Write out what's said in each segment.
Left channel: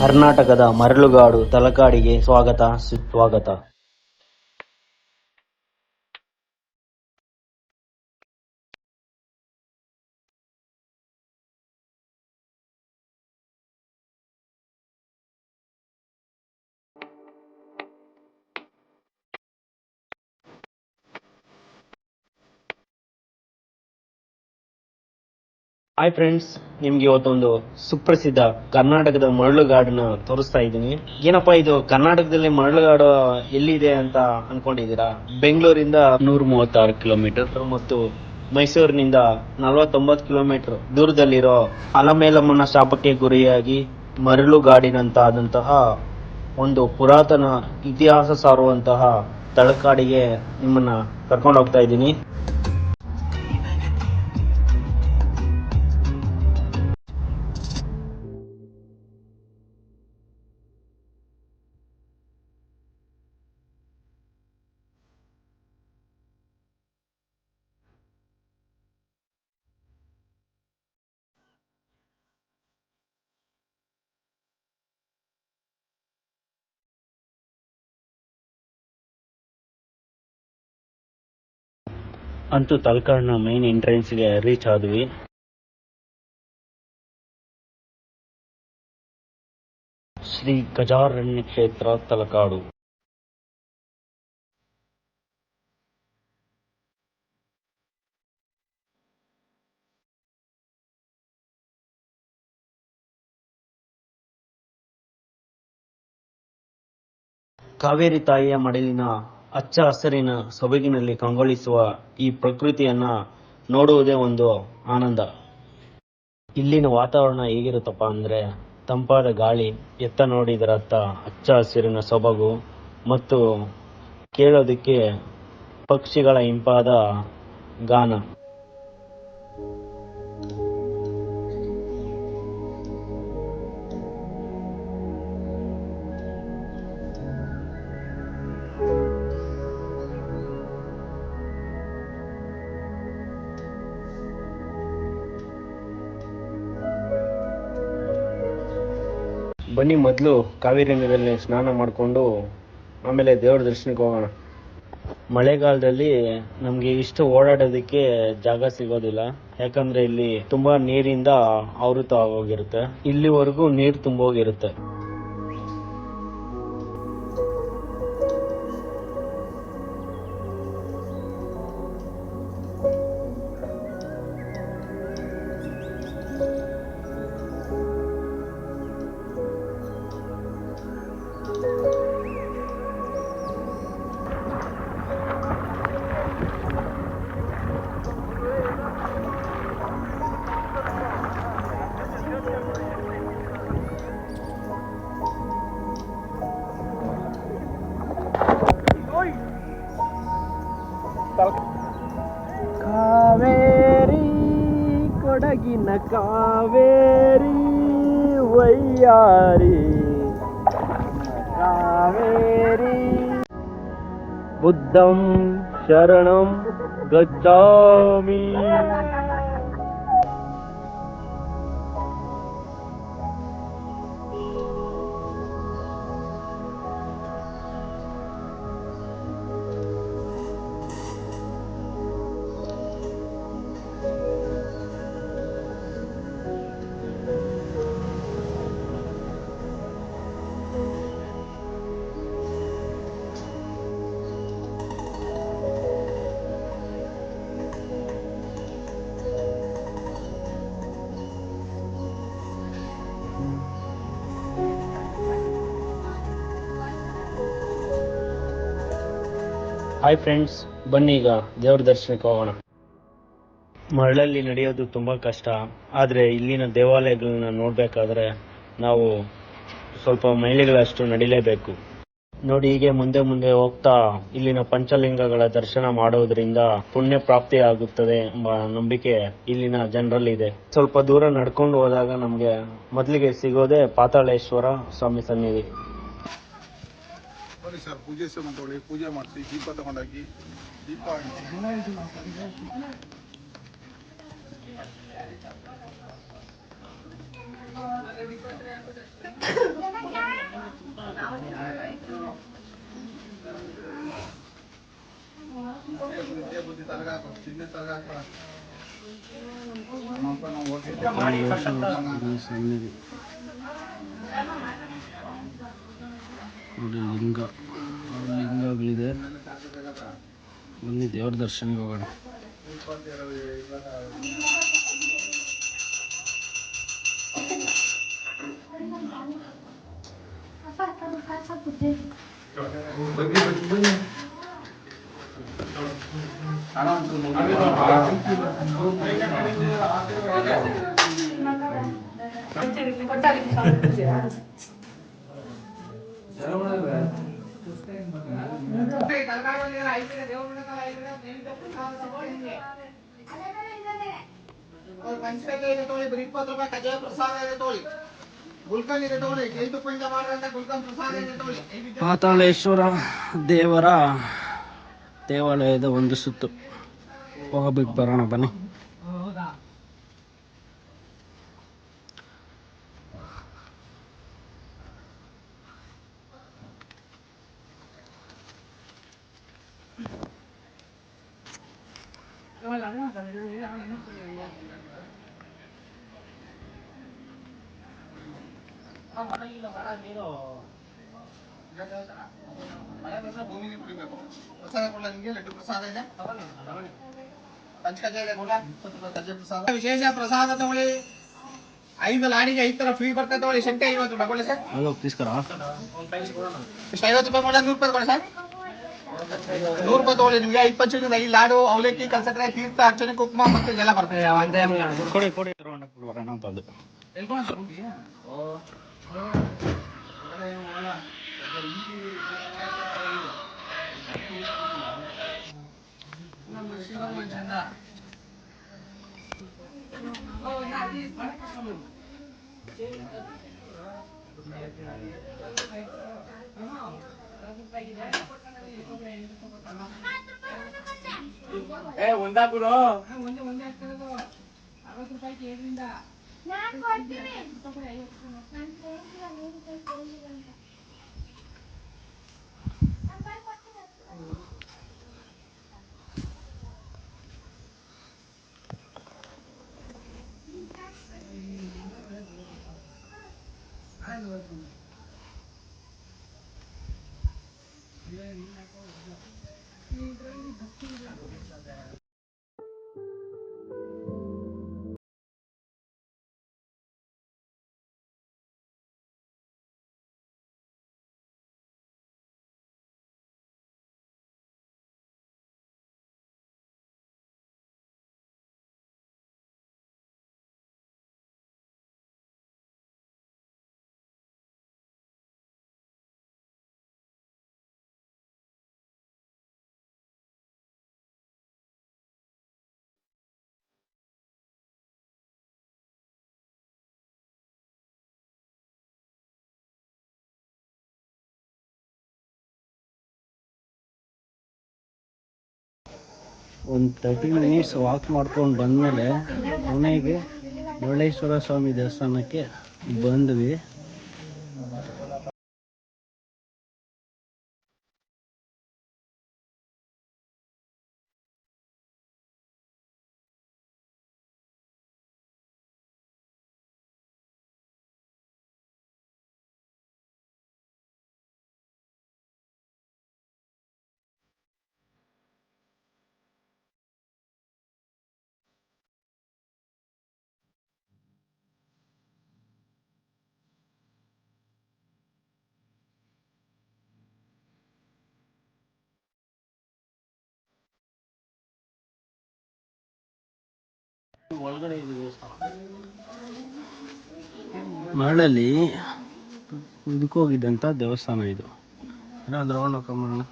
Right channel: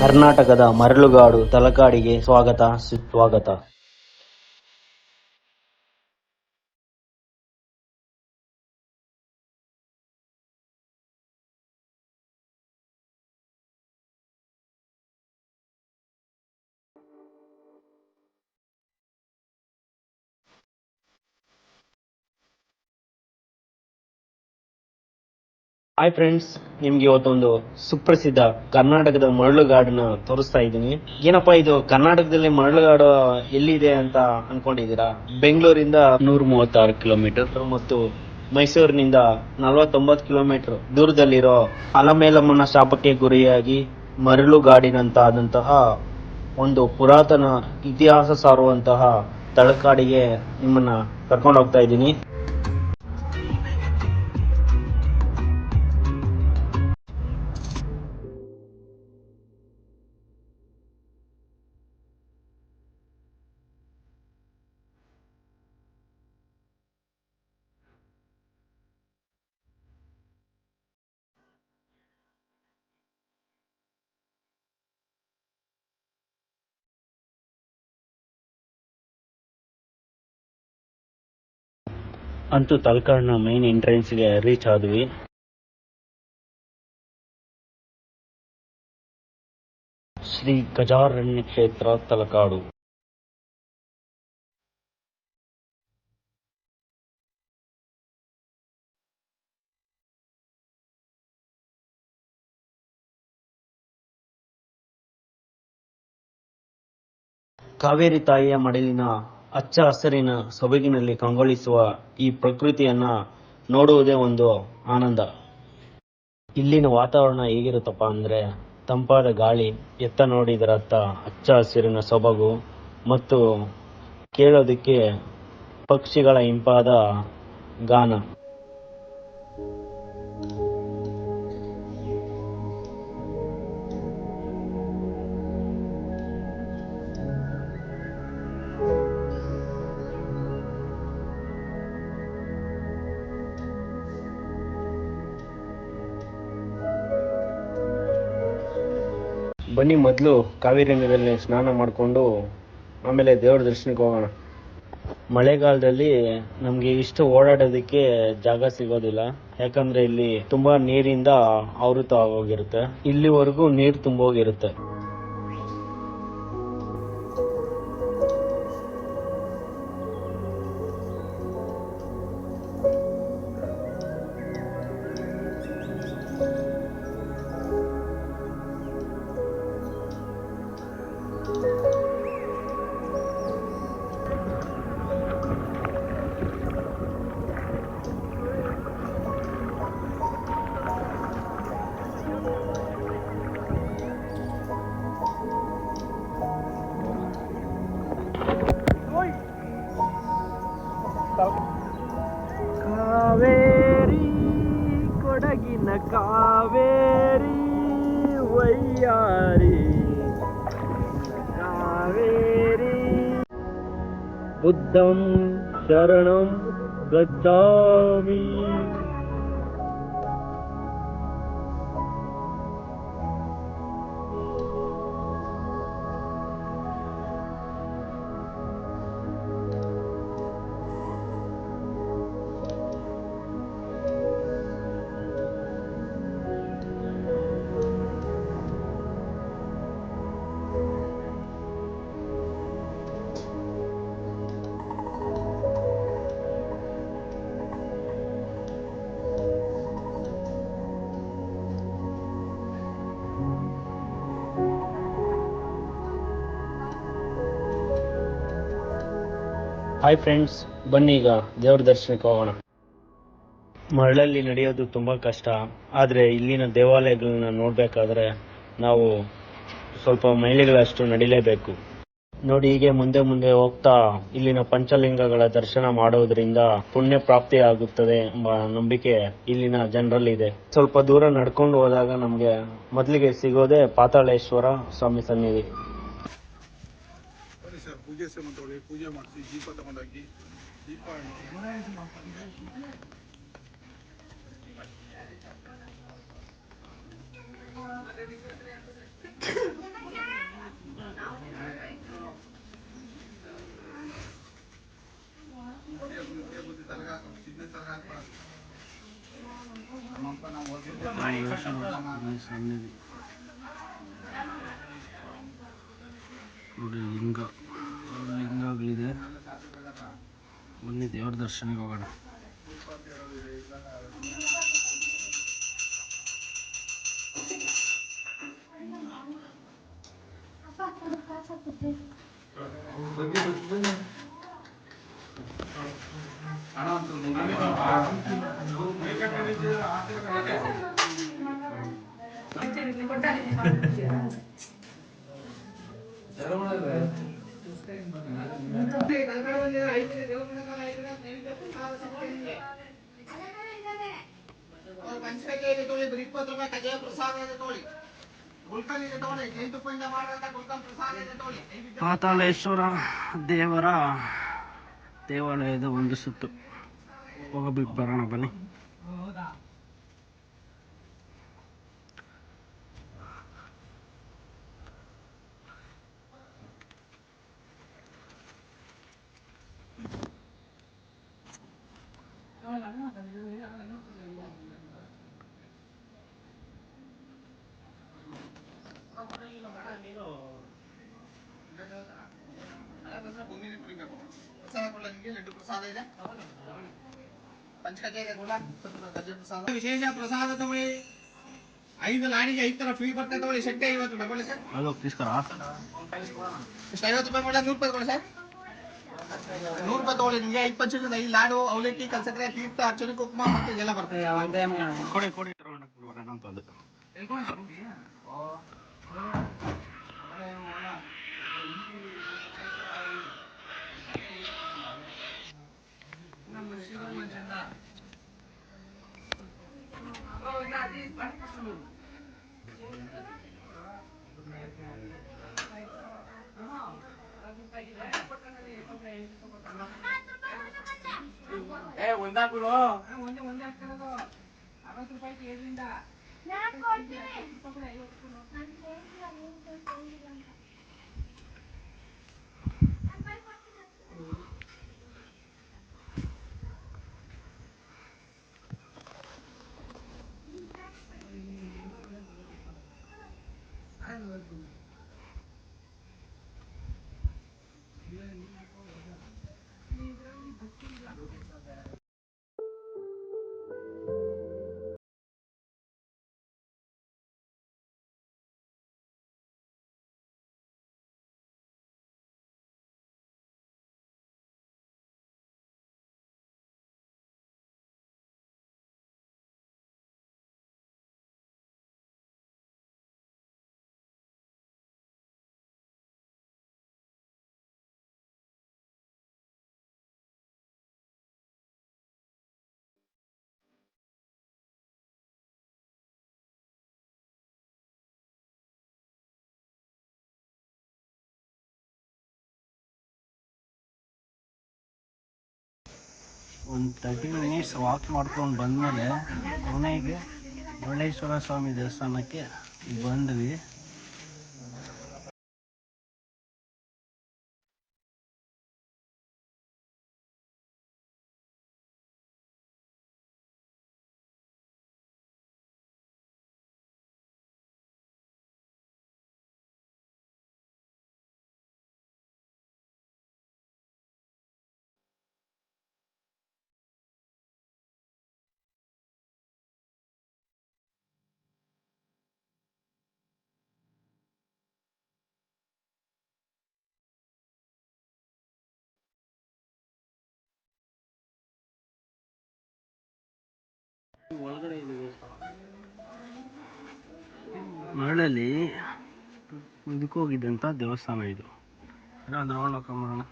ಕರ್ನಾಟಕದ ಮರಳುಗಾಡು ತಲಕಾಡಿಗೆ ಸ್ವಾಗತ ಸುಸ್ವಾಗತ. ಹಾಯ್ ಫ್ರೆಂಡ್ಸ್, ನಿಮ್ಗೆ ಇವತ್ತೊಂದು ಸುಪ್ರಸಿದ್ಧ ಕರ್ನಾಟಕದ ಮರಳುಗಾಡನ್ನ ತೋರಿಸ್ತಾ ಇದ್ದೀನಿ. ಏನಪ್ಪಾ ಇದು ಕರ್ನಾಟಕದಲ್ಲಿ ಮರಳುಗಾಡು ಎಲ್ಲಿದೆ ಅಂತ ಅನ್ಕೊಂಡಿದೀರಾ? ಬೆಂಗಳೂರಿಂದ 136 ಕಿಲೋಮೀಟರ್ ಮತ್ತು ಮೈಸೂರಿನಿಂದ 49 ಕಿಲೋಮೀಟರ್ ದೂರದಲ್ಲಿರೋ ಅಲಮೇಲಮ್ಮನ ಶಾಪಕ್ಕೆ ಗುರಿಯಾಗಿ ಮರಳುಗಾಡಿನಂತಾದಂತಹ ಒಂದು ಪುರಾತನ ಇತಿಹಾಸ ಸಾರುವಂತಹ ತಲಕಾಡಿಗೆ ನಿಮ್ಮನ್ನ ಕರ್ಕೊಂಡು ಹೋಗ್ತಾ ಇದ್ದೀನಿ. ಅಂತೂ ತಲಕಾಡಿನ ಮೈನ್ ಎಂಟ್ರೆನ್ಸ್ಗೆ ರೀಚ್ ಆದ್ವಿ. ಶ್ರೀ ಗಜಾರಣ್ಯ ಕ್ಷೇತ್ರ ತಲಕಾಡು. ಕಾವೇರಿ ತಾಯಿಯ ಮಡಿಲಿನ ಹಚ್ಚ ಹಸಿರಿನ ಸೊಬಗಿನಲ್ಲಿ ಕಂಗೊಳಿಸುವ ಈ ಪ್ರಕೃತಿಯನ್ನ ನೋಡುವುದೇ ಒಂದು ಆನಂದ. ಇಲ್ಲಿನ ವಾತಾವರಣ ಹೇಗಿರುತ್ತಪ್ಪ ಅಂದ್ರೆ ತಂಪಾದ ಗಾಳಿ, ಎತ್ತ ನೋಡಿದರತ್ತ ಹಚ್ಚ ಹಸಿರಿನ ಸೊಬಗು ಮತ್ತು ಕೇಳೋದಕ್ಕೆ ಪಕ್ಷಿಗಳ ಇಂಪಾದ ಗಾನ. ಬನ್ನಿ ಮೊದಲು ಕಾವೇರಿ ನೀರಲ್ಲಿ ಸ್ನಾನ ಮಾಡಿಕೊಂಡು ಆಮೇಲೆ ದೇವ್ರ ದರ್ಶನಕ್ಕೆ ಹೋಗೋಣ. ಮಳೆಗಾಲದಲ್ಲಿ ನಮಗೆ ಇಷ್ಟು ಓಡಾಡೋದಕ್ಕೆ ಜಾಗ ಸಿಗೋದಿಲ್ಲ, ಯಾಕಂದ್ರೆ ಇಲ್ಲಿ ತುಂಬಾ ನೀರಿಂದ ಆವೃತ ಆಗೋಗಿರುತ್ತೆ. ಇಲ್ಲಿವರೆಗೂ ನೀರು ತುಂಬೋಗಿರುತ್ತೆ. ಕಾವೇರಿ ಕೊಡಗಿನ ಕಾವೇರಿ ವೈಯಾರಿ ಕಾವೇರಿ ಬುದ್ಧಂ ಶರಣಂ ಗಚ್ಚಾಮಿ. ಹಾಯ್ ಫ್ರೆಂಡ್ಸ್, ಬನ್ನಿ ಈಗ ದೇವ್ರ ದರ್ಶನಕ್ಕೆ ಹೋಗೋಣ. ಮರಳಲ್ಲಿ ನಡೆಯೋದು ತುಂಬಾ ಕಷ್ಟ, ಆದರೆ ಇಲ್ಲಿನ ದೇವಾಲಯಗಳನ್ನ ನೋಡ್ಬೇಕಾದ್ರೆ ನಾವು ಸ್ವಲ್ಪ ಮೈಲಿಗಳಷ್ಟು ನಡಿಲೇಬೇಕು. ನೋಡಿ, ಹೀಗೆ ಮುಂದೆ ಮುಂದೆ ಹೋಗ್ತಾ ಇಲ್ಲಿನ ಪಂಚಲಿಂಗಗಳ ದರ್ಶನ ಮಾಡೋದ್ರಿಂದ ಪುಣ್ಯ ಪ್ರಾಪ್ತಿ ಆಗುತ್ತದೆ ಎಂಬ ನಂಬಿಕೆ ಇಲ್ಲಿನ ಜನರಲ್ಲಿದೆ. ಸ್ವಲ್ಪ ದೂರ ನಡ್ಕೊಂಡು ಹೋದಾಗ ನಮ್ಗೆ ಮೊದಲಿಗೆ ಸಿಗೋದೇ ಪಾತಾಳೇಶ್ವರ ಸ್ವಾಮಿ ಸನ್ನಿಧಿ. ಸರ್ ಪೂಜೆ ಪೂಜೆ ಮಾಡಿಸಿ ದೀಪ ತಗೊಂಡೋಗಿ ದೀಪ ಸನ್ನಿಧಿ ನೋಡಿ, ಲಿಂಗಗಳಿದೆ. ಬನ್ನಿ ದೇವ್ರ ದರ್ಶನಕ್ಕೆ ಹೋಗೋಣ. ಪಾತಾಳೇಶ್ವರ ದೇವರ ದೇವಾಲಯದ ಒಂದು ಸುತ್ತು ಹೋಗಬೇಕು, ಬರೋಣ ಬನ್ನಿ. ವಿಶೇಷ ಪ್ರಸಾದ ತಗೊಳ್ಳಿ. 5 ಲಾಡಿಗೆ 5 ತರ ಫ್ರೀ ಬರ್ತದೆ ತಗೊಳ್ಳಿ. ಶೆಟ್ಟಿ 50 ರೂಪಾಯಿ ಕೊಡಿ ಸರ್. ಹಲೋ ತೀಸ್ಕರ ಎಷ್ಟು 50 ರೂಪಾಯಿ ಕೊಡ, 100 ರೂಪಾಯಿ ಕೊಡಿ ಸರ್. 100 ರೂಪಾಯಿ ತಗೊಳ್ಳಿ. ನಿಮಗೆ 5 ಪಂಚದಿಂದ 5 ಲಾಡು, ಅವಲಕ್ಕಿ, ಕಲ್ಸಕ್ರೆ, ತೀರ್ಥ, ಅರ್ಚನೆ, ಕುಂಕುಮ ಮತ್ತೆ ಇದೆಲ್ಲ ಬರ್ತದೆ. ಕೊಡಿ ಬರೋಣ ಅಂತ ಅದು. ಒಂದಾ ಬಿಡು. ಒಂದು 30 ಮಿನಿಟ್ಸ್ ವಾಕ್ ಮಾಡ್ಕೊಂಡು ಬಂದಮೇಲೆ ಕೊನೆಗೆ ಮುರುಡೇಶ್ವರ ಸ್ವಾಮಿ ದೇವಸ್ಥಾನಕ್ಕೆ ಬಂದ್ವಿ. ಮರಳಲ್ಲಿ ಇದಕ್ಕೆ ಹೋಗಿದ್ದಂಥ ದೇವಸ್ಥಾನ ಇದು. ರೌಂಡ್ ಹಾಕೊಂಬರೋಣ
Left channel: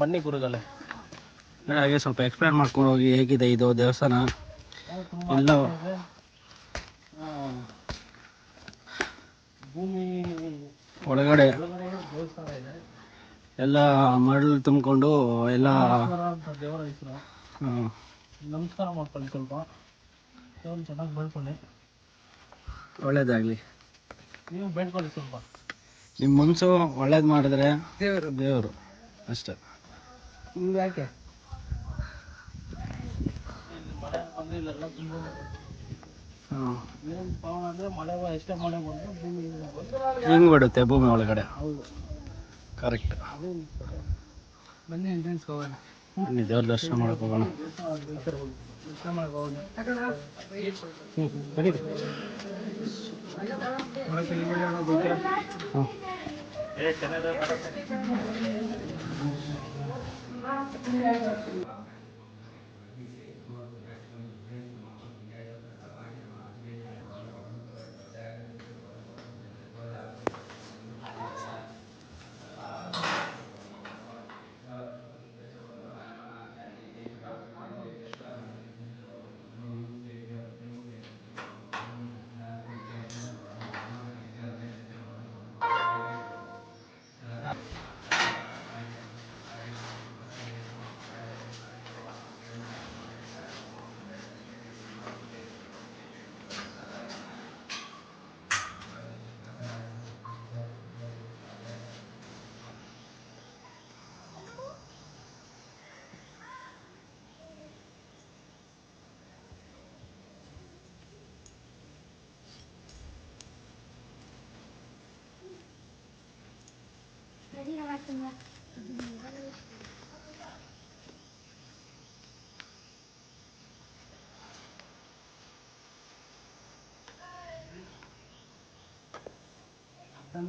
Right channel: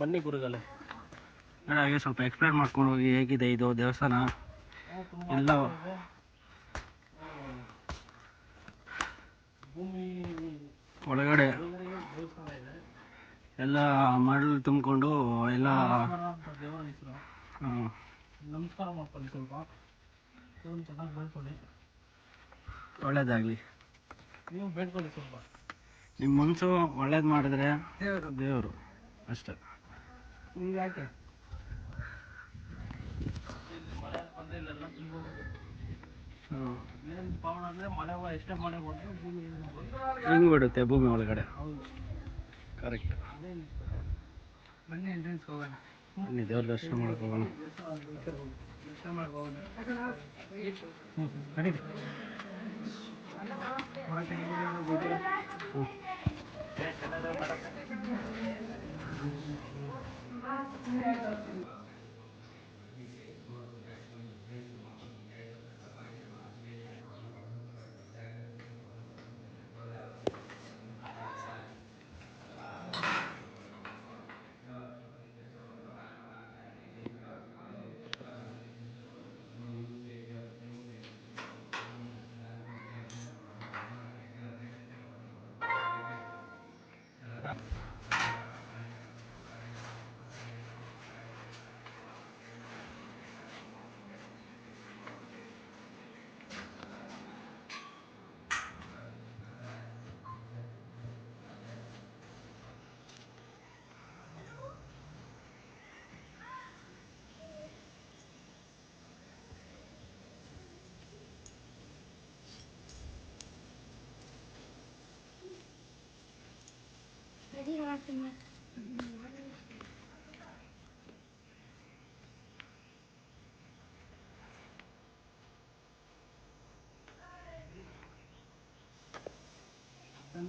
ಬನ್ನಿ ಗುರುಗಳೇ. ಹಾಗೆ ಸ್ವಲ್ಪ ಎಕ್ಸ್ಪ್ಲೇನ್ ಮಾಡ್ಕೊಂಡು ಹೋಗಿ, ಹೇಗಿದೆ ಇದು ದೇವಸ್ಥಾನ ಎಲ್ಲ. ಒಳಗಡೆ ಎಲ್ಲ ಮರಳು ತುಂಬಿಕೊಂಡು ಎಲ್ಲ ನಮಸ್ಕಾರ ಮಾಡ್ಕೊಳ್ಳಿ. ಸ್ವಲ್ಪ ಚೆನ್ನಾಗಿ ಬೆಳ್ಕೊಳ್ಳಿ, ಒಳ್ಳೇದಾಗಲಿ. ನೀವು ಬೆಳ್ಕೊಳ್ಳಿ ಸ್ವಲ್ಪ. ನಿಮ್ಮ ಮನಸ್ಸು ಒಳ್ಳೇದು ಮಾಡಿದ್ರೆ ದೇವರು ಅಷ್ಟೆ. ಯಾಕೆ ಹಿಂಗೆ ಬಿಡುತ್ತೆ ಭೂಮಿ ಒಳಗಡೆ. ಕರೆಕ್ಟ್. ಬನ್ನಿ ಎಂಟ್ರೆನ್ಸ್ ಹೋಗೋಣ. ಬನ್ನಿ ದೇವ್ರ ದರ್ಶನ ಮಾಡಕ್ಕೆ ಹೋಗೋಣ.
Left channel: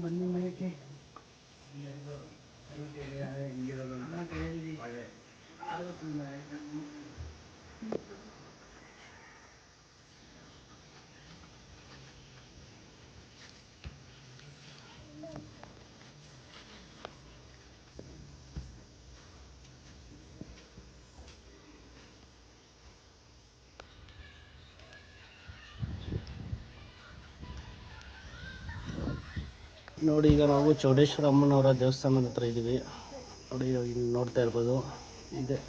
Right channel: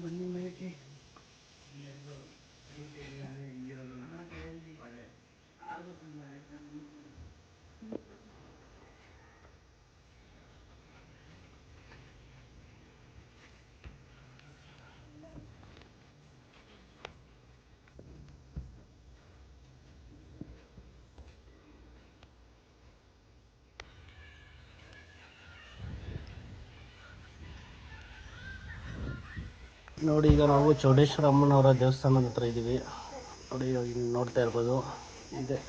ಬನ್ನಿ ಮನೆಗೆ. ನೋಡಿ, ಈಗ ನಾವು ಚೌಡೇಶ್ವರ ಅಮ್ಮನವರ ದೇವಸ್ಥಾನದ ಹತ್ರ ಇದ್ದೀವಿ. ನೋಡಿ, ಇಲ್ಲಿ ನೋಡ್ತಾ ಇರ್ಬೋದು ಇದೆ.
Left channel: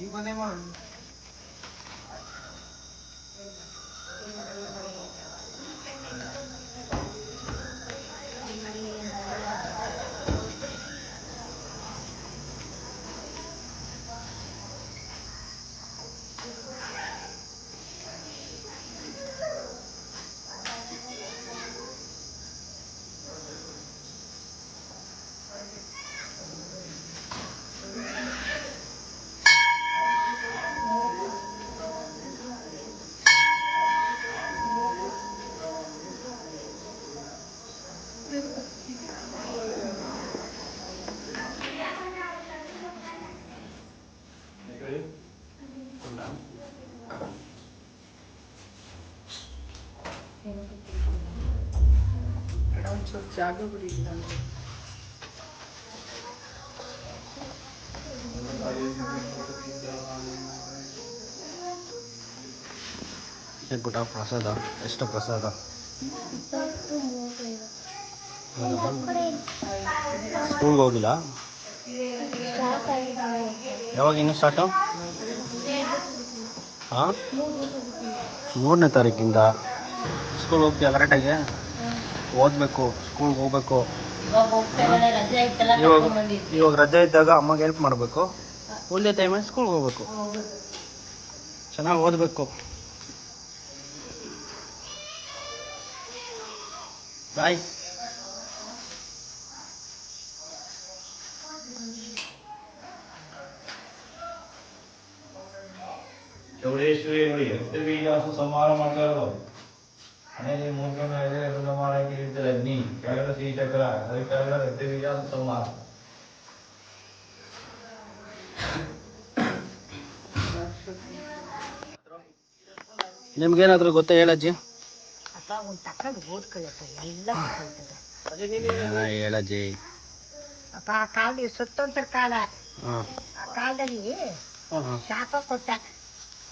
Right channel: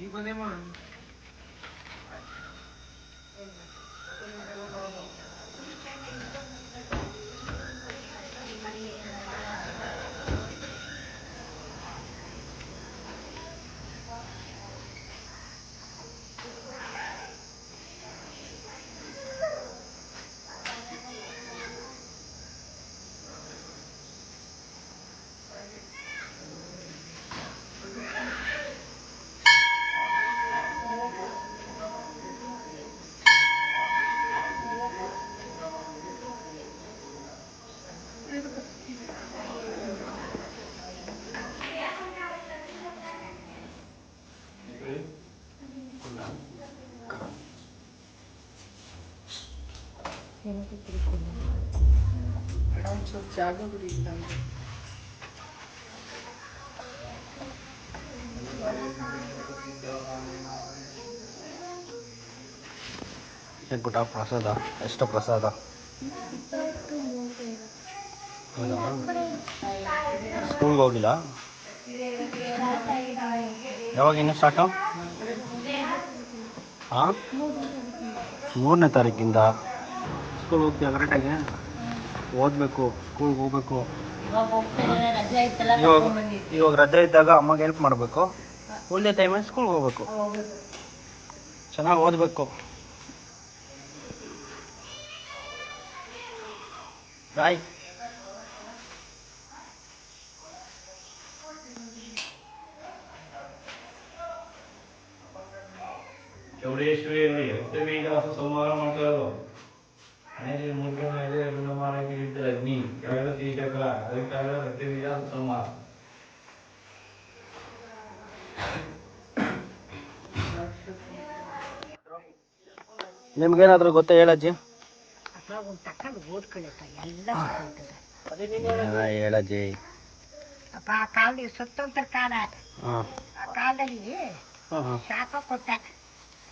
ಈಗ ಬಂದೇ ಮಾಡು. ಒಂಚೂರು ಜಾಗ ಬಿಡಿ. ಏನು ಪುಟ್ಟ ಪ್ರಸಾದ? ಎಷ್ಟು ಪ್ರಸಾದ? ಸ್ಕೂಲ್ಗೆ ಹೋಗಿಲ್ಲ? ಯಾವಾಗ ಇನ್ನು ಸ್ಟಾರ್ಟು? ಹಾಂ, 3ನೇ ತಾರೀಕಿಂದ ಸ್ಕೂಲ್ ಹೋಗ್ತೀಯ ಕರೆಕ್ಟಾಗಿ? ಓದಬೇಕು, ಸ್ಕೂಲ್ಗೆ ಹೋಗ್ಬೇಕು. ಇವಾಗ ರಜೆ ಇದ್ದಾಗ ಅಮ್ಮಗೆ ಹೆಲ್ಪ್ ಮಾಡಬೇಕು. ಉಳಿದ ಟೈಮಲ್ಲಿ ಸ್ಕೂಲ್ಗೆ ಹೋಗ್ಬೇಕು. ಚೆನ್ನಾಗಿ ಓದಬೇಕು. ಬಾಯ್. ಚೌಡೇಶ್ವರಿಯಲ್ಲಿ ಎಷ್ಟೇ ಬೀಜಾಸ ಸಂಹಾರ ಮಾಡ್ತಾರೋ ಮನೆಯಲ್ಲಿ ಮೂರ್ಖ ಮೇಲೆ ಎಲ್ಲ ಮಾಡಕ್ಕೆ ಇರ್ತದೆ ಅಗ್ನಿ ಕೆಳಗಡೆ ಶ್ರೀಚಕ್ರ ಅದಕ್ಕಾಗ ಎಷ್ಟೇ ಬೀಜಾಸ ಸಂಹಾರ. ನಿಮ್ಗೇನಾದರೂ ಗೊತ್ತಾ ಹೇಳಜ್ಜಿ? ಹೇಳಜ್ಜಿ. ಅಪ್ಪ ಆ ಕಾಲದಲ್ಲಿ ಸುತ್ತಂತ ಕಾಲ. ಹಾಂ, ಆ ಕಾಲದಲ್ಲಿ ಹಾಂ, ಶಾಪ ಕೊಟ್ಟ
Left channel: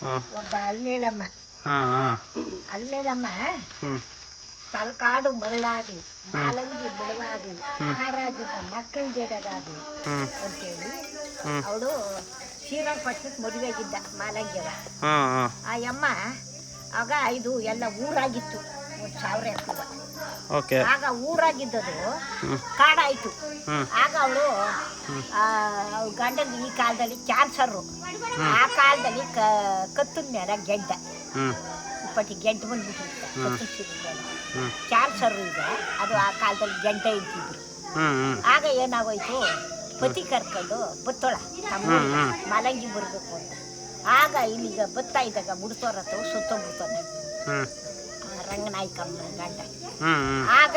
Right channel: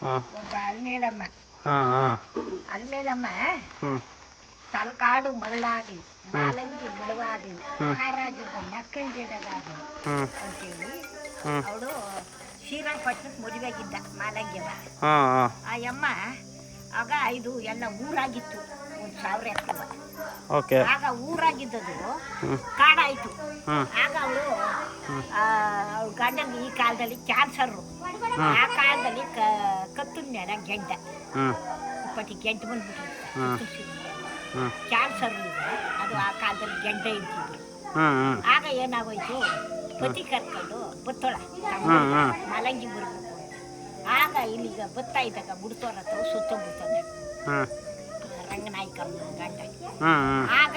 ಹಾಂ, ಒಬ್ಬ ಅಲ್ಮೇಲಮ್ಮ. ಹಾಂ, ಹಾಂ, ಅಲ್ಮೇಲಮ್ಮ ಹ್ಞೂ, ತಲಕಾಡು ಮರಳಾಗಿ ಮಾಲಂಗಿ ಬಿಡುವಾಗಿ ಮಹಾರಾಜನ ಮಕ್ಕಳ ಜಡಗಾಗಿ ಹ್ಞೂ, ಅಂತೇಳಿ ಹ್ಞೂ, ಅವಳು ಶ್ರೀರಂಗಪಟ್ಟಣಕ್ಕೆ ಮದುವೆಗಿದ್ದ ಮಾಲಂಗ್ಯವ. ಹಾಂ ಹಾಂ ಆ ಯಮ್ಮ ಆಗ ಇದು ಎಲ್ಲ ಊರಾಗಿತ್ತು, 1,000 ಎಕರೆ. ಓಕೆ. ಆಗ ಊರಾಗಿದ್ದದು ಕಾಡಾಯ್ತು. ಆಗ ಅವಳು ಗಂಡನ ಈ ಕಾಲದಲ್ಲಿ ಕ್ಯಾನ್ಸರು, ಆ ಕಾಲದಲ್ಲಿ ಕತ್ತದ ಮೇಲೆ ಗೆಡ್ಡ ಇಪ್ಪತ್ತಿ ಗೆಡ್ಡ ಬಂದ್ಬಿಟ್ಟಿತ್ತು, ಕ್ಯಾನ್ಸರ್ ಈಗ ಅದು ಆ ಕಾಲದಲ್ಲಿ ಗೆಡ್ಡ ಇದ್ದಿದ್ರು. ಆಗ ಏನಾಗೋಯ್ತು, ಪತಿ ಕರ್ಕೊಂಡು ಬತ್ತೋಳ ತಮ್ಮ ಮಾಲಂಗಿ ಬರಬೇಕು ಅಂತ. ಆಗ ಇಲ್ಲಿಗ ಬತ್ತಾ ಇದ್ದಾಗ ಮುಡ್ತೋರ ಅಥವಾ ಸುತ್ತೋಗ್ಬಿಡ್ತಾನೆ ರಂಗನಾಯ್ಕಮ್ಮ ಗಂಡ. ಆಗ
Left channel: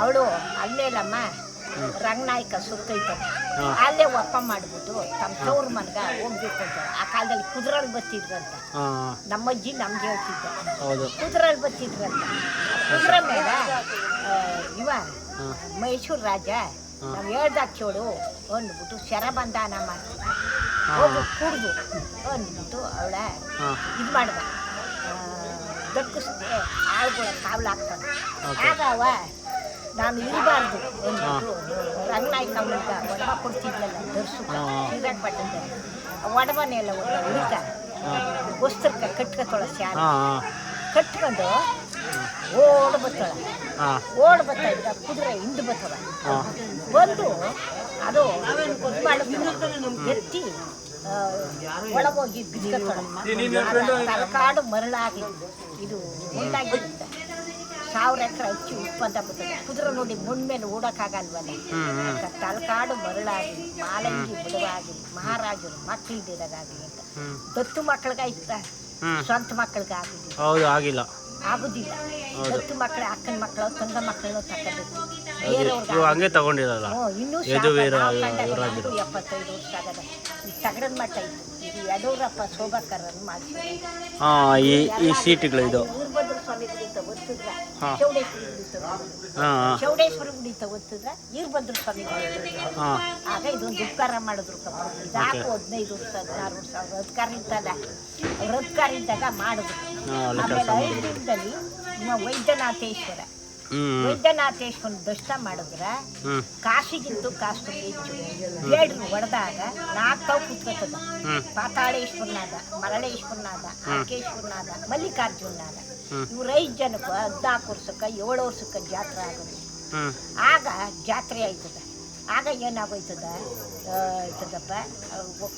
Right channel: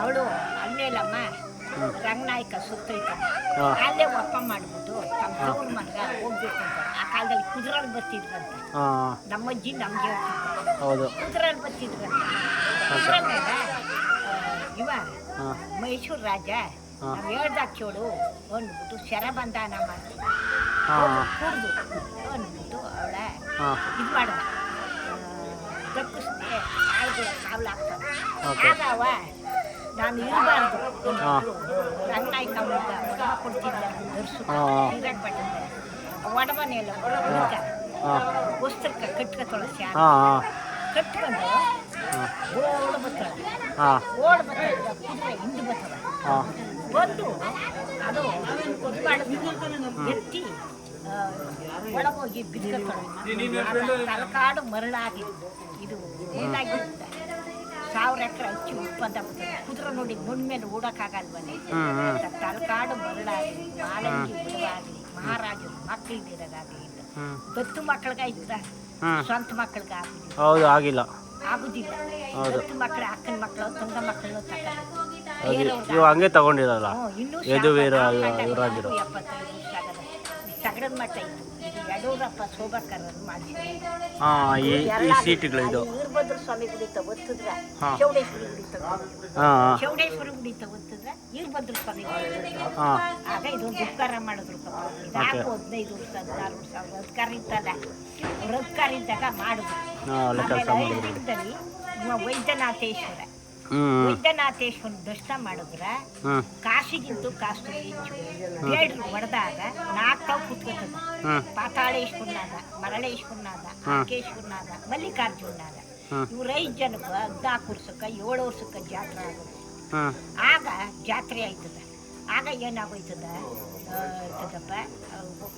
ಅವಳು ಅಲ್ಲೇಲಮ್ಮ ರಂಗನಾಯ್ಕ ಸುತ್ತೈತಮ್ಮ, ಅಲ್ಲೇ ಒಪ್ಪ ಮಾಡಿಬಿಟ್ಟು ತಮ್ಮ ತವ್ರ ಮನ್ಗ ಹೋಗ್ಬೇಕು ಅಂತ. ಆ ಕಾಲದಲ್ಲಿ ಕುದುರಲ್ಲಿ ಬತ್ತಿದ್ರಂತ, ನಮ್ಮಜ್ಜಿ ನಮ್ಗೆ ಹೇಳ್ತಿದ್ದ ಕುದುರಲ್ಲಿ ಬತ್ತಿದ್ರಂತ. ಕುದುರ ಮೇಲೆ ಇವ ಮೈಸೂರು ರಾಜ ನಾವು ಹೇಳ್ದಾಗ ಚೋಡು ಅಂದ್ಬಿಟ್ಟು ಶರಬಂಧನ ಮಾಡ್ತಿದ್ದ, ಕುಡ್ದು ಅಂದ್ಬಿಟ್ಟು ಅವಳ ಇದು ಮಾಡ್ದ, ದಕ್ಕಿಸ್ದೆ ಆಳುಗಳ ಕಾವಲಾಗ್ತದೆ. ಆಗ ಅವ ನಾನು ಇರಬಾರ್ದು ಅಂದ್ಬಿಟ್ಟು ರಂಗನಾಯ್ಕಮ್ಮಗ ಒಡವ ಕೊಡ್ತಿದ್ಲಲ್ಲ ದರ್ಶು ಶ್ರೀರಂಗಪಟ್ಟಣದಲ್ಲಿ, ಒಡವನೆಲ್ಲ ಹುಡುಕ ವಸ್ತ್ರಕ್ಕೆ ಕಟ್ಕೊತೊಳ ಶಾಲೆ ಕಟ್ಕೊಂಡು ಓಡ್ ಬತ್ತಳ. ಓಡ್ ಬತ್ತ ಈಗ ಕುದುರೆ ಹಿಂದೆ ಬತ್ತವ ಬಂದು ಅದು ಇದು ಮಾಡಿದ್ರು ಎತ್ತಿ ಒಳಗೋಗಿ ಬಿದ್ಕೊತಳ. ತಲಕಾಡು ಮರಳಾಗಿ ಇದು ಮುಂದಾಗಿರುತ್ತೆ, 1000 ಎಕರೆ ಹಚ್ಚಿ ಉತ್ಪನ್ನ ಬರ್ತದೆ. ಕುದುರೆ ನೋಡಿ ಮುಂದ ಮೇಲೆ ಓಡಕ್ಕಾಗಲ್ವಲ್ಲ, ತಲಕಾಡು ಮರಳಾಗಿ ಮಾಲಂಗಿ ಬಿಡುವಾಗಿ ಮಹಾರಾಜರು ಮಕ್ಕಳಿದ್ದಾಗಲಿ ಅಂತ. ದತ್ತು ಮಕ್ಕಳಿಗಾಯ್ತ, ಸ್ವಂತ ಮಕ್ಕಳಿಗಾಗಿಲ್ಲ, ಆಗಿಲ್ಲ, ಆಗುದಿಲ್ಲ. ದತ್ತು ಮಕ್ಕಳ ಅಕ್ಕನ ಮಕ್ಕಳು ತಂಗ ಮಕ್ಕಳನ್ನು ತಗೊಂಡಿತ್ತು, ಹಂಗೆ ತಗೊಂಡಿರಲ್ಲ. ಇನ್ನೂ 75 ವರ್ಷ ಆಗದ ತಗಡದ ಮಟ್ಟ ಇತ್ತು. ಇದು ಯಡೂರಪ್ಪ ಶೋಭಾಕರನ್ನು ಮಾಡಿಸಿದ್ರು. ಈ ಸೀಟ್ಗಳು ಇದು ವೀರಭದ್ರ ಸ್ವಾಮಿ ಗುಡಿ ತಗೋತಿದ್ರ, ಚೌಡೇಶ್ವರಿ ಗುಡಿ ತಗೋತಿದ್ರ, ಚೌಡೇಶ್ವರಿ ಗುಡಿ ತಗೋತಿದ್ರ, ವೀರಭದ್ರ ಸ್ವಾಮಿ ಗುಡಿ ತಗೋತಿದ್ರ. ಆಗ ಇದೊಂದು ಉಪಕಾರ ಮಾಡಿದ್ರು ಕಪ್ಪ. ಇದಾಕು 15 ವರ್ಷ 16 ವರ್ಷ ಅವ್ರ ಅಧಿಕಾರ ಇತ್ತಲ್ಲ, ಅವ್ರ ಅಧಿಕಾರ ಇದ್ದಾಗ ಮಾಡಿದ್ರು. ಆಮೇಲೆ ಐದರಲ್ಲಿ ವೈದ್ಯನಾಥೇಶ್ವರ ದರ್ಶನ ಮಾಡಿದ್ರ ಕಾಶಿಗಿಂತೂ ಕಾಸ್ತು ಹೆಚ್ಚು. ಬೇಡ್ರು ಹೊಡೆದಾಗ 4 ತಾವು ಕುತ್ಕೋತದ, ಪಾತಾಳೇಶ್ವರನಾದ, ಮರಳೇಶ್ವರನಾದ, ಅಂಕೇಶ್ವರನಾದ, ಮಲ್ಲಿಕಾರ್ಜುನನಾದ. ಇವ್ರ 5 ಜನಕ್ಕೆ 14 ವರ್ಷಕ್ಕೆ 7 ವರ್ಷಕ್ಕೆ ಜಾತ್ರೆ ಆಗೋದು. ಆಗ ಜಾತ್ರೆ ಆಯ್ತದ. ಆಗ ಏನಾಗೋಯ್ತದ ಇರ್ತದಪ್ಪ,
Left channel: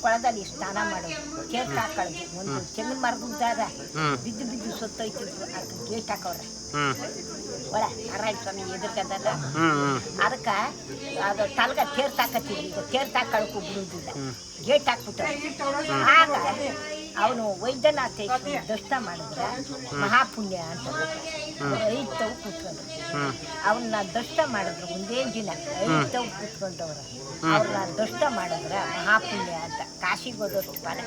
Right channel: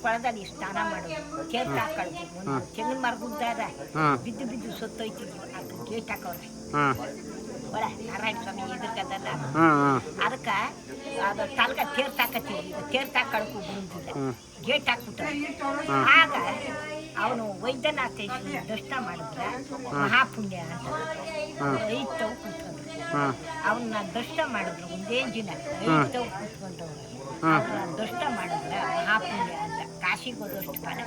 ಕೊಳದಲ್ಲಿ ಸ್ನಾನ ಮಾಡೋದು, ಗೇಟ್ ಹಾಕೊಳ್ಳೋದು. ಒಂದು ತೆಂಗಿನ ಮರದಿದ್ದಾಗ ಬಿದ್ದು ಬಿದ್ದು ಸತ್ತೋಯ್ತಿದ್ವು, ಅದಕ್ಕೆ ಗೇಟ್ ಹಾಕೋರೆ ಒಳ ನಾರಾಯಣ ಸ್ವಾಮಿ ಎದಕ್ಕದಲ್ಲ. ಅದಕ್ಕೆ ಅದು ತಲ್ಗ ತೇರ್ ತಾಕತ್ತಿದ್ವಿ, ಈಗ ತೇರ್ ತಾಕೊಳ್ಳೋಕ್ಕೂ ಬಿಡುವುದಿಲ್ಲ, ಗೇಟ್ ಹಾಕ್ಬಿಟ್ಟಾರೆ. ಆಗ ಅವನು ವೈದ್ಯನಾಥೇಶ್ವರ ದರ್ಶನ ಮಾಡಿದ್ರೆ ಮಹಾಪುಣ್ಯ ಅಂತ 5 ತಾವು ಕೂತ್ಕೊಂಡ್ರು. ಅವನ್ನ ದರ್ಶನ ಮಾಡಿದ್ರು ಒಂದೇ ದಿನ 5 ತಾವು ಕೂತ್ಕೊಂಡವ್ರ. ಅವ್ರನ್ನ ದರ್ಶನ ಮಾಡಿದ್ರೆ ಮಹಾಪುಣ್ಯ ಅಂತ. ಕಾಶಿಗೆ ಹೋದಷ್ಟು ಪದ.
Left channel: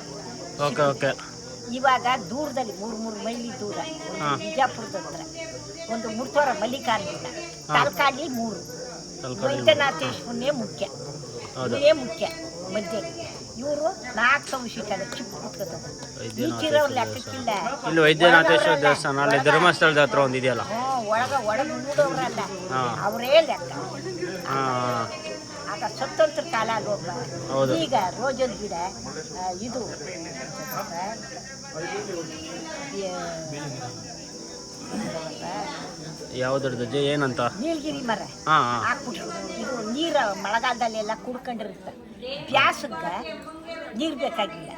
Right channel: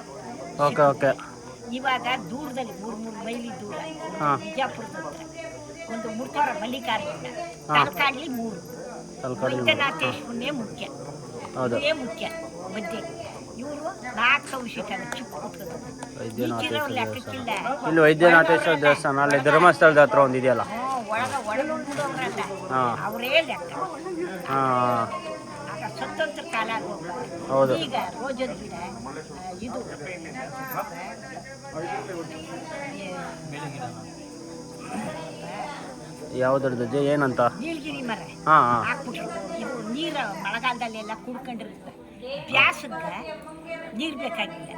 ಇವಾಗ ದೂರದಲ್ಲಿ 3 ಮೈಲಿ ದೂರ ಬಿಜಾಪುರದ ಹತ್ರ ಒಂದು ಮುರ್ತೋರ ಮಲ್ಲಿಕಾರ್ಜುನ, ತಲಕಾಡ್ಲಿ 3, ವೈದ್ಯನಾಥೇಶ್ವರನೇ ಮುಖ್ಯ, ಇದೇ ಮುಖ್ಯ ಮಧ್ಯ. ಇವರು 4 ಸಂಶಿಕಲ್ಲ ಚಿಕ್ಕ ಕೂತ್ಕೋತದ. ಲೆಕ್ಕಕ್ಕಿಲ್ಲ. ಇಲ್ಲಿ ವೈದ್ಯನಾಥೇಶ್ವರ ದೇವಸ್ಥಾನ ಅಲ್ಲಿ ಧರ್ಮಸ್ಥಳದ ಹತ್ರ ಒಂದಿದೆಯಲ್ಲ, ಒಳಗೆ ಉಳಿದವ್ರಲ್ಲ ಅವರೇ ಲೆಕ್ಕ. ಆಗ ಸ್ವತಂತ್ರ ಕಾಲ ಹೋಗ್ಬಾರ್ದು. ಈಗ ರೋಜದ ಗಿಡ ಇದು ಯಾವ್ದ್ರದ್ದು ಏನಂತ ನೀಲಗಿರಿ ಮರ ಹಾಕ್ಬಿಟ್ರು. ಇದು ನೀರು ಮಳೆಗಾಲದಲ್ಲೆಲ್ಲ ಕುಡ್ಕೊಂಡಿರುತ್ತೆ, ಬ್ಯಾಸಕ್ಕೆ ನೀರು ಬೇಕಾಗಿಲ್ಲ,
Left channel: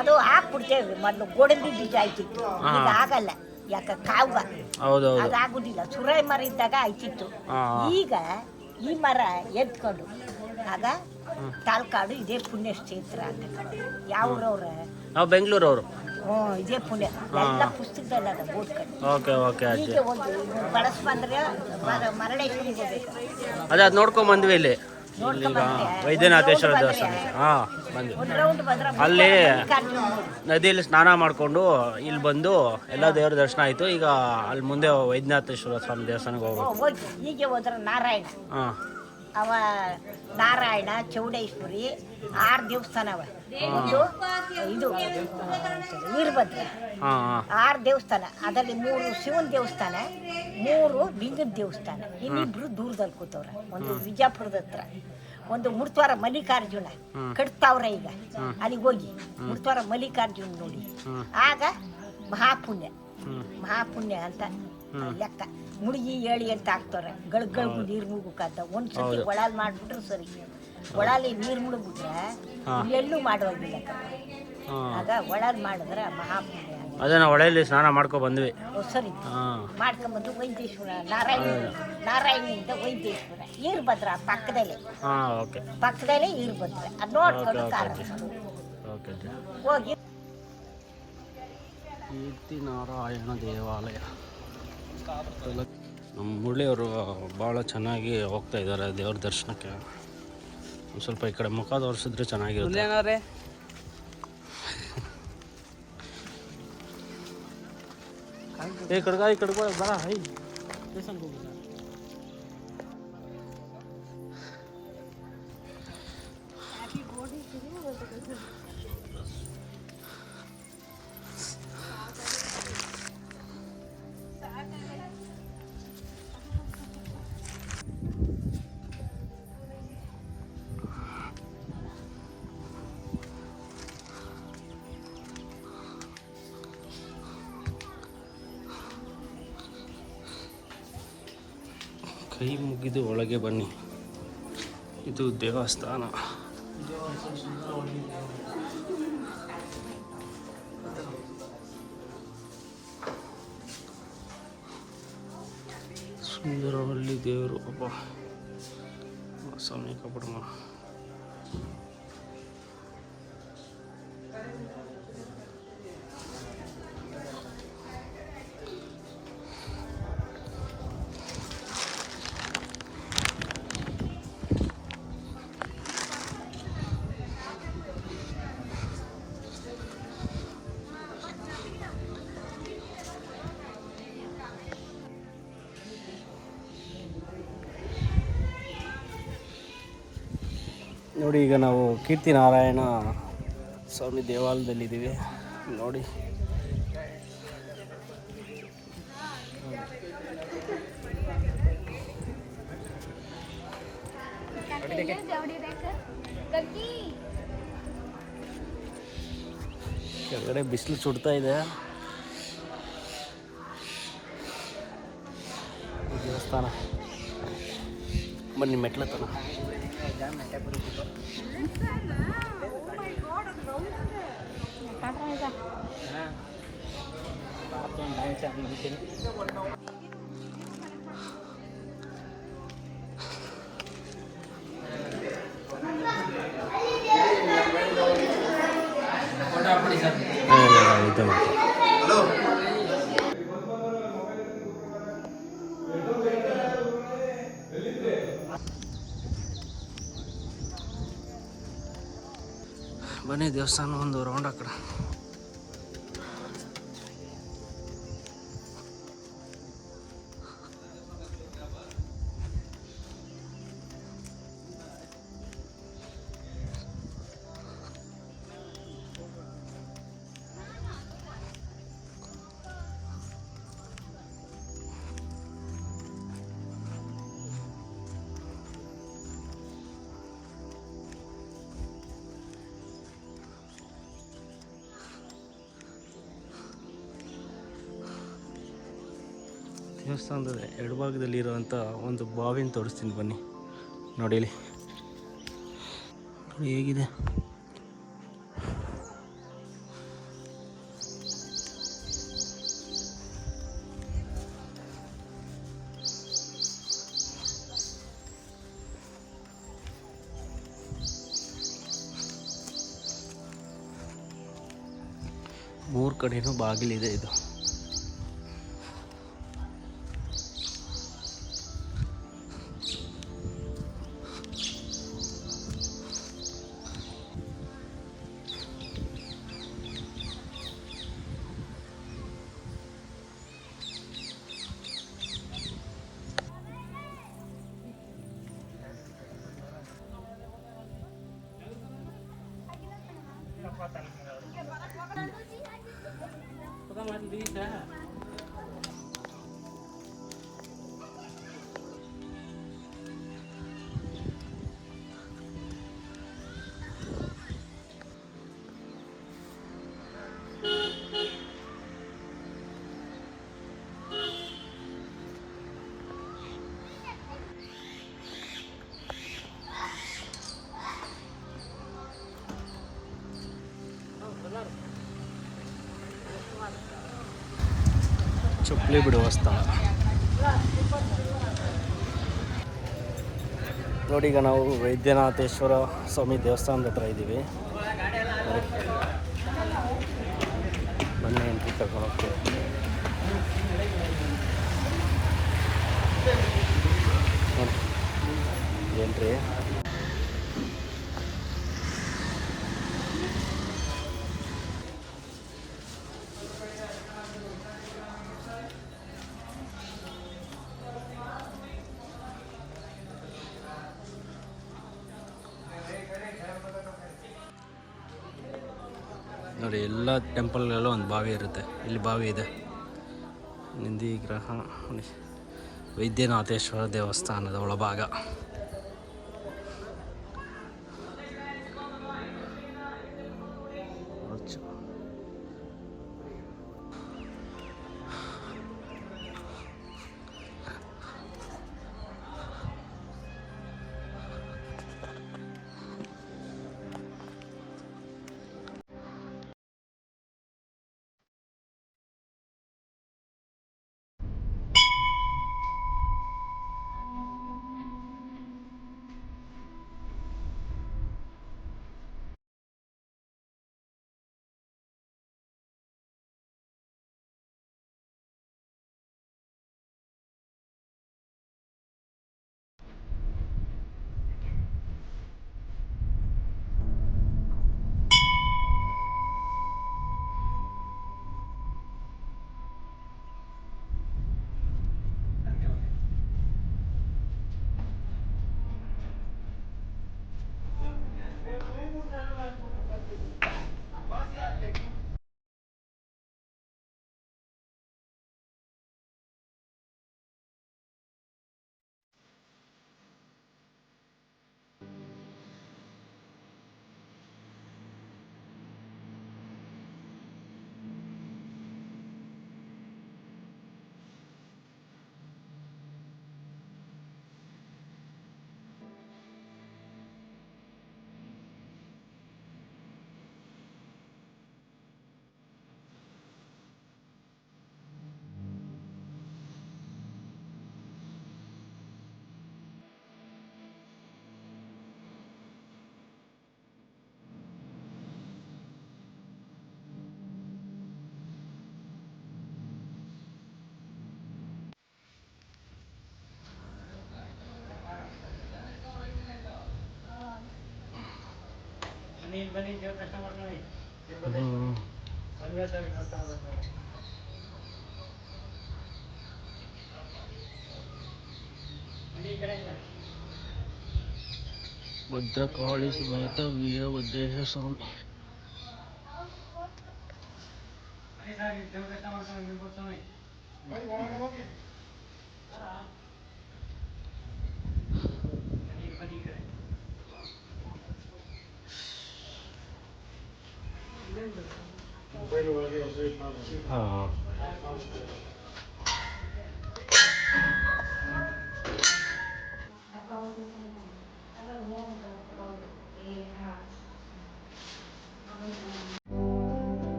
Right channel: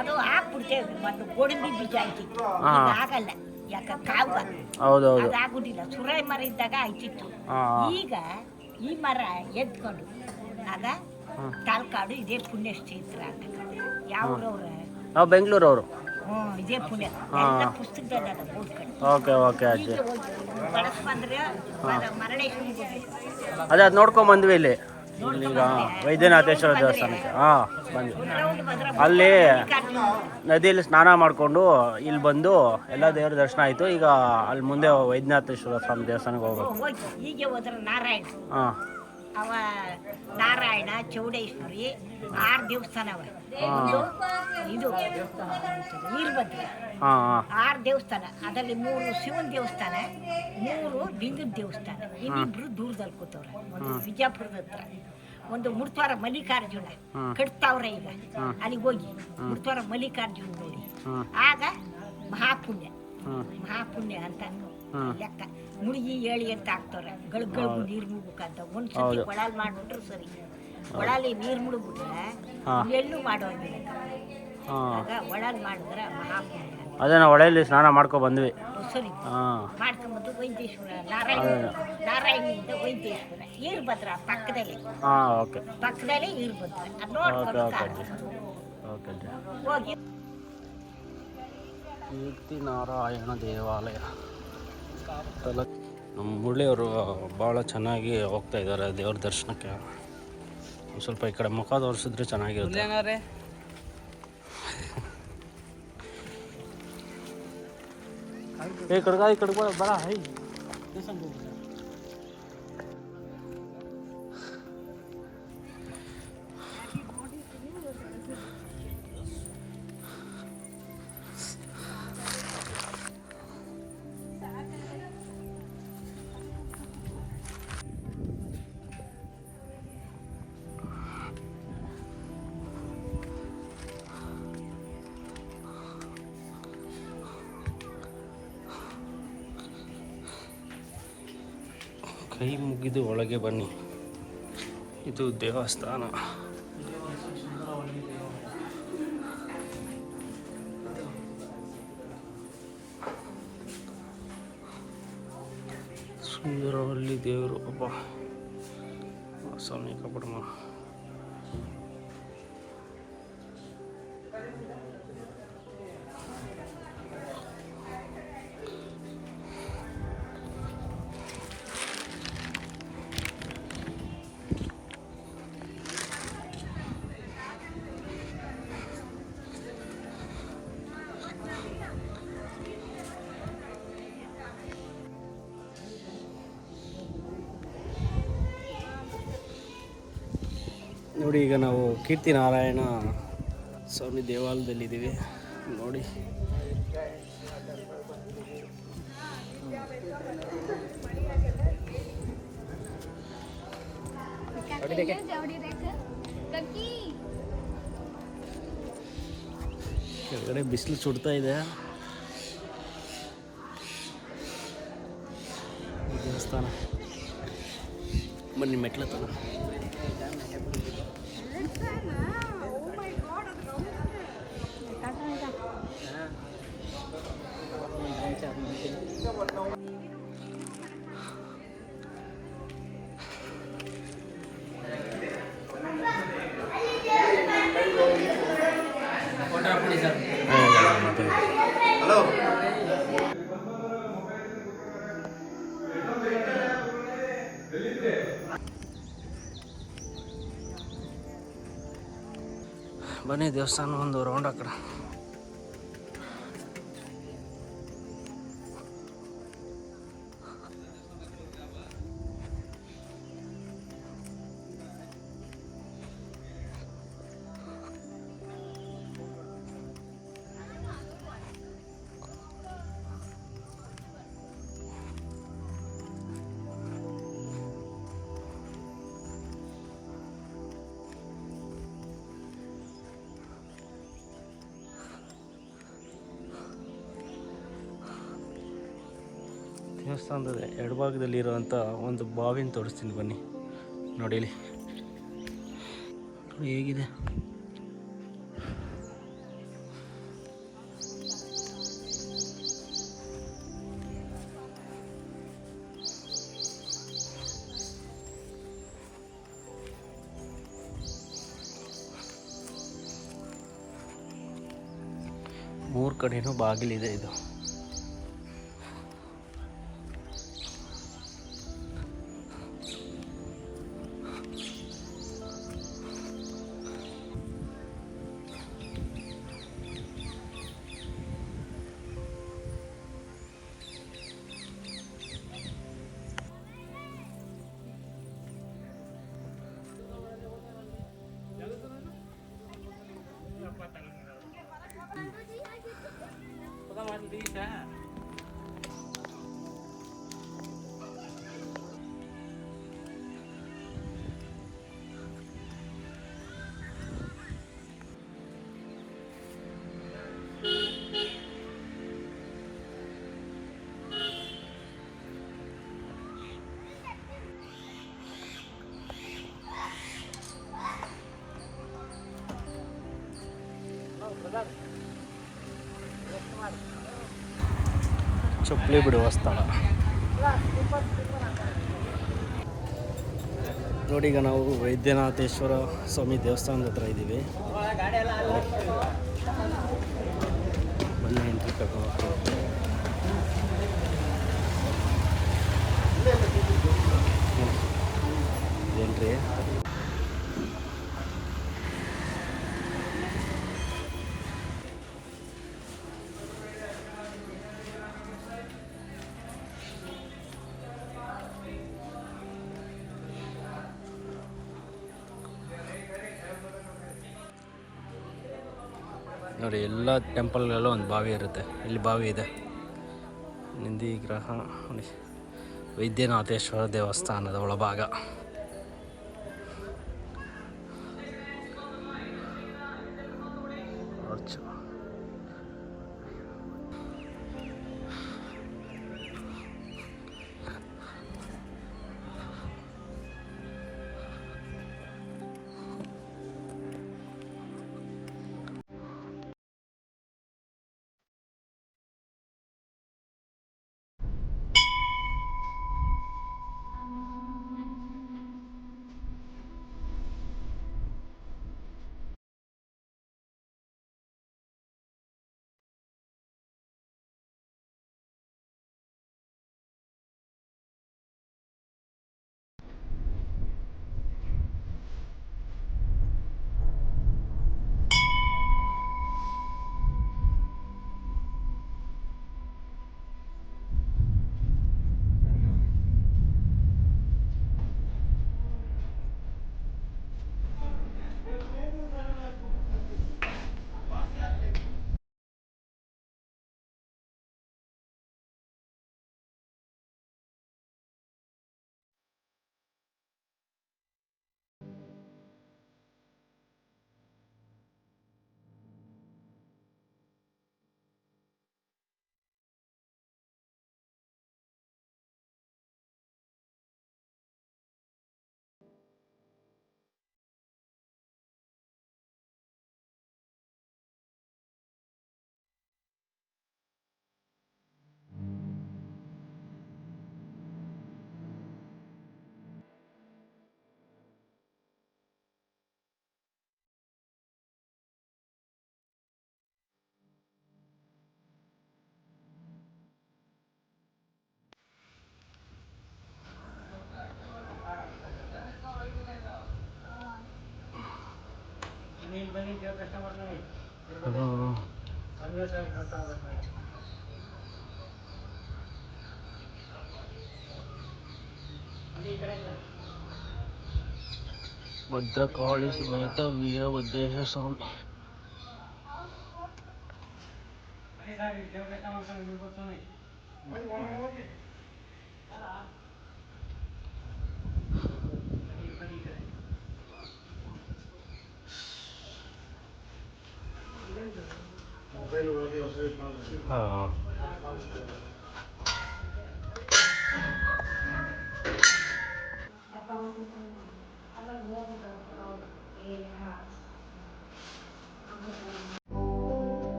ಅದು ಹಾಕ್ಬಿಡ್ತೇವೆ. ಮೊದಲು ಗೋಡಂಬಿ ಬೀಜ ಆಯ್ತಿತ್ತು, ಆಗಲ್ಲ, ಯಾಕ ಕಾವ ಅದಾಗುದಿಲ್ಲ. ಸುರಾಯಿ ಮರ ಇದ್ದಾಗ ಆಯ್ತಿತ್ತು. ಈಗ ಈ ಮರ ಎದ್ಕೊಂಡು ಆಗ ತಾಲ್ಕಾಡು ಇದೇ ಪುಣ್ಯ ಕ್ಷೇತ್ರ. ಯಾವ್ರವ್ರ ನಾವು ಬೆಂಗಳೂರವರು. ಇದೇ ಪುಣ್ಯ ಎಲ್ಲ ಪುಸ್ತಕದಲ್ಲಿ ಅದ ಬೋರ್ಡ್ ಈಗ ಹೋಗಿ ಬಳಸ್ ಬಂದ್ರೆ ಮರಳೇಶ್ವರಿಗೆ ಹೋಗ್ಬೇಕು. ಅದೇ ಅದು ನೋಡ್ಕೊಂಡ್ ಬಂದ್ವಿ ಇಲ್ಲಿ ಈಗ ವೈದ್ಯನಾಥೇಶ್ವರ ದೇವಸ್ಥಾನಕ್ಕೆ. ಬಂದ್ವಿ. ಅಲ್ಲಿ ನದಿಯಲ್ಲಿ ಸ್ನಾನ ಮಾಡಿಕೊಂಡು ಇಲ್ಲಿ ಬಂದು ಎಲ್ಲ ದೇವರ ದರ್ಶನ ಆಯಿತು. ಈಗ ಅಲ್ಲಿ ಮುಂದೆ ವೈದ್ಯನಾಥೇಶ್ವರ ಸ್ವಾಮಿ ದೇವಸ್ಥಾನಕ್ಕೆ ಹೋಗ್ಬೇಕು. ಹೀಗೆ ಹೋದ್ರೆ ನಾರಾಯಣ ಅವ ನಾರಾಯಣ ಚೌಡೇಶ್ವರಿ 6 ದೇವಸ್ಥಾನ ಅವ. ಇದು ವೀರಭದ್ರ 6 ದೇವಸ್ಥಾನ. ಅದರಲ್ಲಿ 3 ಶಿವನ ದೇವಸ್ಥಾನ, 3 ಬಿಂಗದ ದೇವಸ್ಥಾನ. ಇನ್ನಿಬ್ರು ದೂರದಲ್ಲಿ ಕೂತವ್ರೆ. ಒಂದು ಬಿಜಾಪುರದ ಹತ್ರ, ಒಂದು ಮುರ್ತವಾರ ಮಲ್ಲಿಕಾರ್ಜುನ ಕಟ್ತಾವ್ರೆ ಈಗ ಅಲ್ಲಿಗೆ ಹೋಗಿ ಮುರ್ತವಾರ ಮಲ್ಲಿಕಾರ್ಜುನ ನೋಡಿ ಆಗ ಮಹಾಪುಣ್ಯ ಅಂತ ಲೆಕ್ಕ ಮುಳುಗಿ ಏಳಿ ಅಂತ ಹಾಕ್ತಾರೆ ಗಳಿಗೂ ನೀರು ಮುಳುಗಕ್ಕಂತ ಒಂದ್ಸತಿ ಕೊಳಲ್ ಮಾಡ್ಬಿಟ್ರು ಸರಿ ಒಳಲಿ ನೀರು ಮುಳುಗ್ಬಿಟ್ರೆ ಎಲ್ಲೂ ಮಾಡುವಾಗಿಲ್ಲ ಆಗ ಒಳಲ್ ಮಾಡಿದ್ರೆ ಮಹಾಪುಣ್ಯ. ಅದೇ ನಾವು ಹೊಳೆಯಲ್ಲಿ ಸ್ನಾನ ಮಾಡ್ಕೊ ಬಂದ್ವಿ. ಸರಿ ಮಾಡ್ಕೊಂಬಂದು ವೈದ್ಯೇಶ್ವರ ನಾರಾಯಣಿಯಿಂದ ವೈದ್ಯೇಶ್ವರ ಈರ್ಭದ್ರ ಪಕ್ಕದಲ್ಲೇ ಪಕ್ಕದಲ್ಲೇ ಈರ್ಭದ್ರ ಅದು ನೋಡ್ಕೊಂಡು ಓಕೆ ಹೋಗಿ ಕೀರ್ತಿ ನಾರಾಯಣ ದೇವಾಲಯ. ನಮ್ಮ ಮುರಳಿಯವರು ಭಾಳ ಚೆನ್ನಾಗಿ ಹೋಗ್ತಾ ಇದ್ದಾರೆ ದೇವ್ರ ದರ್ಶನಕ್ಕೆ. ಒಂದು ಸ್ವಲ್ಪ ಈ ಕಡೆ ಮುಖ ತೋರಿಸಿದ್ರೆ ಚೆನ್ನಾಗಿರುತ್ತೆ. ಈ ಕಡೆ ಬರ ಕೈ ಮುಗಿದು ಒಳಗೆ ಬನ್ನಿ. ಇದು ದೇವಸ್ಥಾನ. ಸುಂದರವಲ್ಲಿ ದೇವರು ಒಬ್ಬ ಸ್ವಾಮಿ ಕಪಡಮ. ನೋಡಿ ಈಗ ನಾವು ಕೀರ್ತಿ ನಾರಾಯಣ ಸ್ವಾಮಿ ದೇವಾಲಯದಲ್ಲಿದ್ದೀವಿ ನೋಡಿ. ಕೆಳಗಡೆ ಬಿಸಿಲು ಸುಡ್ತಾ ಇದೆ. ದೇವಸ್ಥಾನ ಬನ್ನಿ ಮೆಟ್ಲತ್ತನ. ಬನ್ನಿ ದೇವಸ್ಥಾನ ಒಂದು ರೌಂಡ್ ಆ ಕಡೆ. ದೇವಸ್ಥಾನದ ಎಡಭಾಗದಲ್ಲಿರುವಂಥ ಒಂದು ಬಾವಿನ ತೋರಿಸ್ತೀನಿ ಬನ್ನಿ. ನೋಡಿ ಇಲ್ಲಿ ನೋಡಿ ಹೇಗಿದೆ. ಮೂರು ಕಡೆನೂ ಬಾಗಿಲಿದೆ. ಇದು ಚಪ್ಪಲಿ ಬಿಡುವ ಸ್ಥಳ. ನೋಡಿ, ಈಗ ನಾವು ವೈದ್ಯನಾಥೇಶ್ವರ ಸ್ವಾಮಿ ದೇವಸ್ಥಾನದ ಹತ್ರ ಇದ್ದೀವಿ. ನೋಡಿ, ಬನ್ನಿ ಎಂಟ್ರಿ ಕರ್ಕೊಂಡು ಹೋಗ್ತೀವಿ. ನೋಡಿ ಎಂಟ್ರಿ. ನೋಡಿ, ಎಲ್ಲ ಟೆಂಪಲ್ಗಳಲ್ಲೂ ಒಂದು ಬಾವಿ ಇರುತ್ತೆ. ಇಲ್ಲಿ ಬಾವಿ ಇದೆ. ನಂದಿ ಗ್ರಹ. ನೋಡಿ, ವೈದ್ಯನಾಥೇಶ್ವರ ದೇವಸ್ಥಾನದ ಒಳಭಾಗ. ಭದ್ರಕಾಳಿ ಸಮೇತ ವೀರಭದ್ರೇಶ್ವರ ಸ್ವಾಮಿ. ಹಾಂ,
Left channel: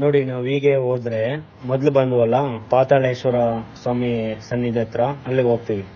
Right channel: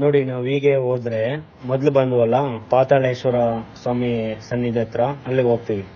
ನೋಡಿ, ನಾವು ಹೀಗೆ ಹೋದ್ರೆ ಮೊದಲು ಬಂದ್ವಲ್ಲ ಪಾತಾಳೇಶ್ವರ ಸ್ವಾಮಿ ಸನ್ನಿಧಿ ಹತ್ರ, ಅಲ್ಲಿಗೆ ಹೋಗ್ತೀವಿ.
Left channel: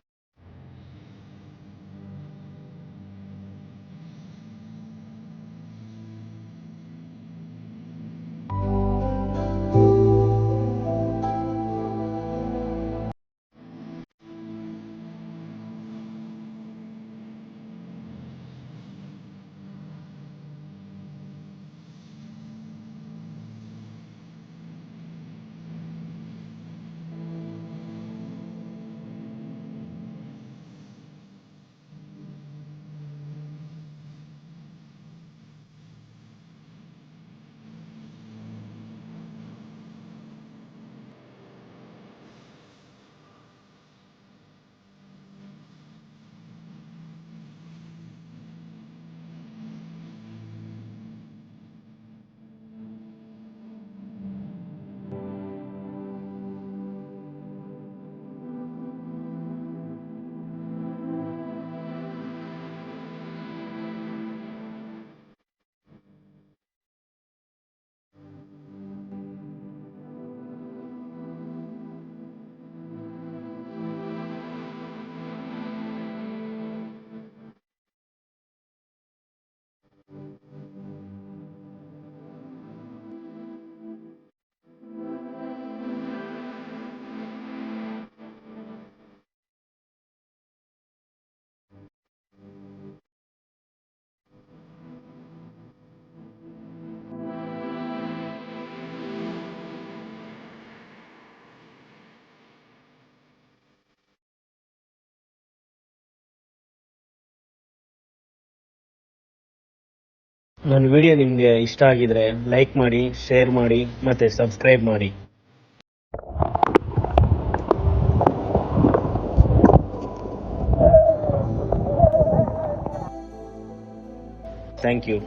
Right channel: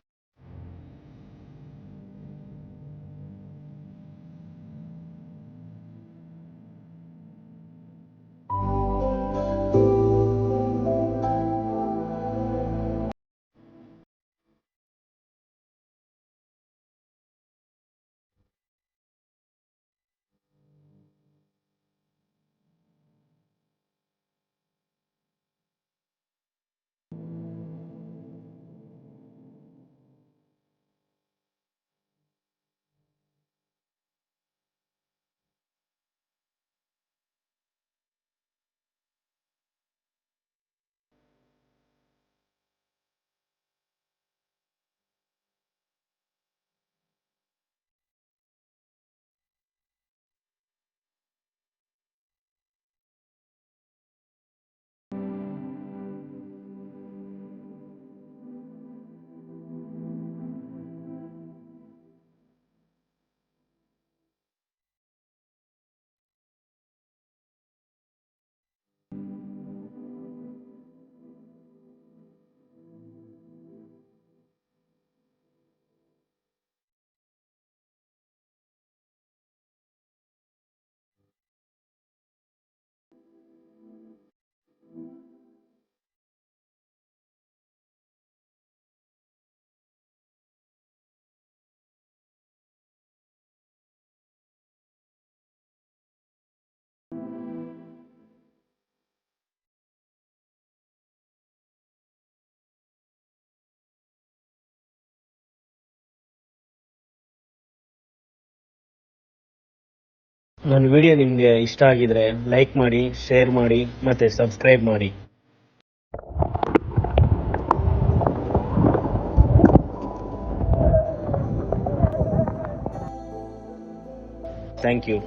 ನನ್ನ ವಿಡಿಯೋ ನಿಮಗೆ ಇಷ್ಟ ಆಗಿದ್ರೆ ಲೈಕ್ ಮಾಡಿ, ಶೇರ್ ಮಾಡಿ ಮತ್ತು ಸಬ್ಸ್ಕ್ರೈಬ್ ಮಾಡಿ. Thank you.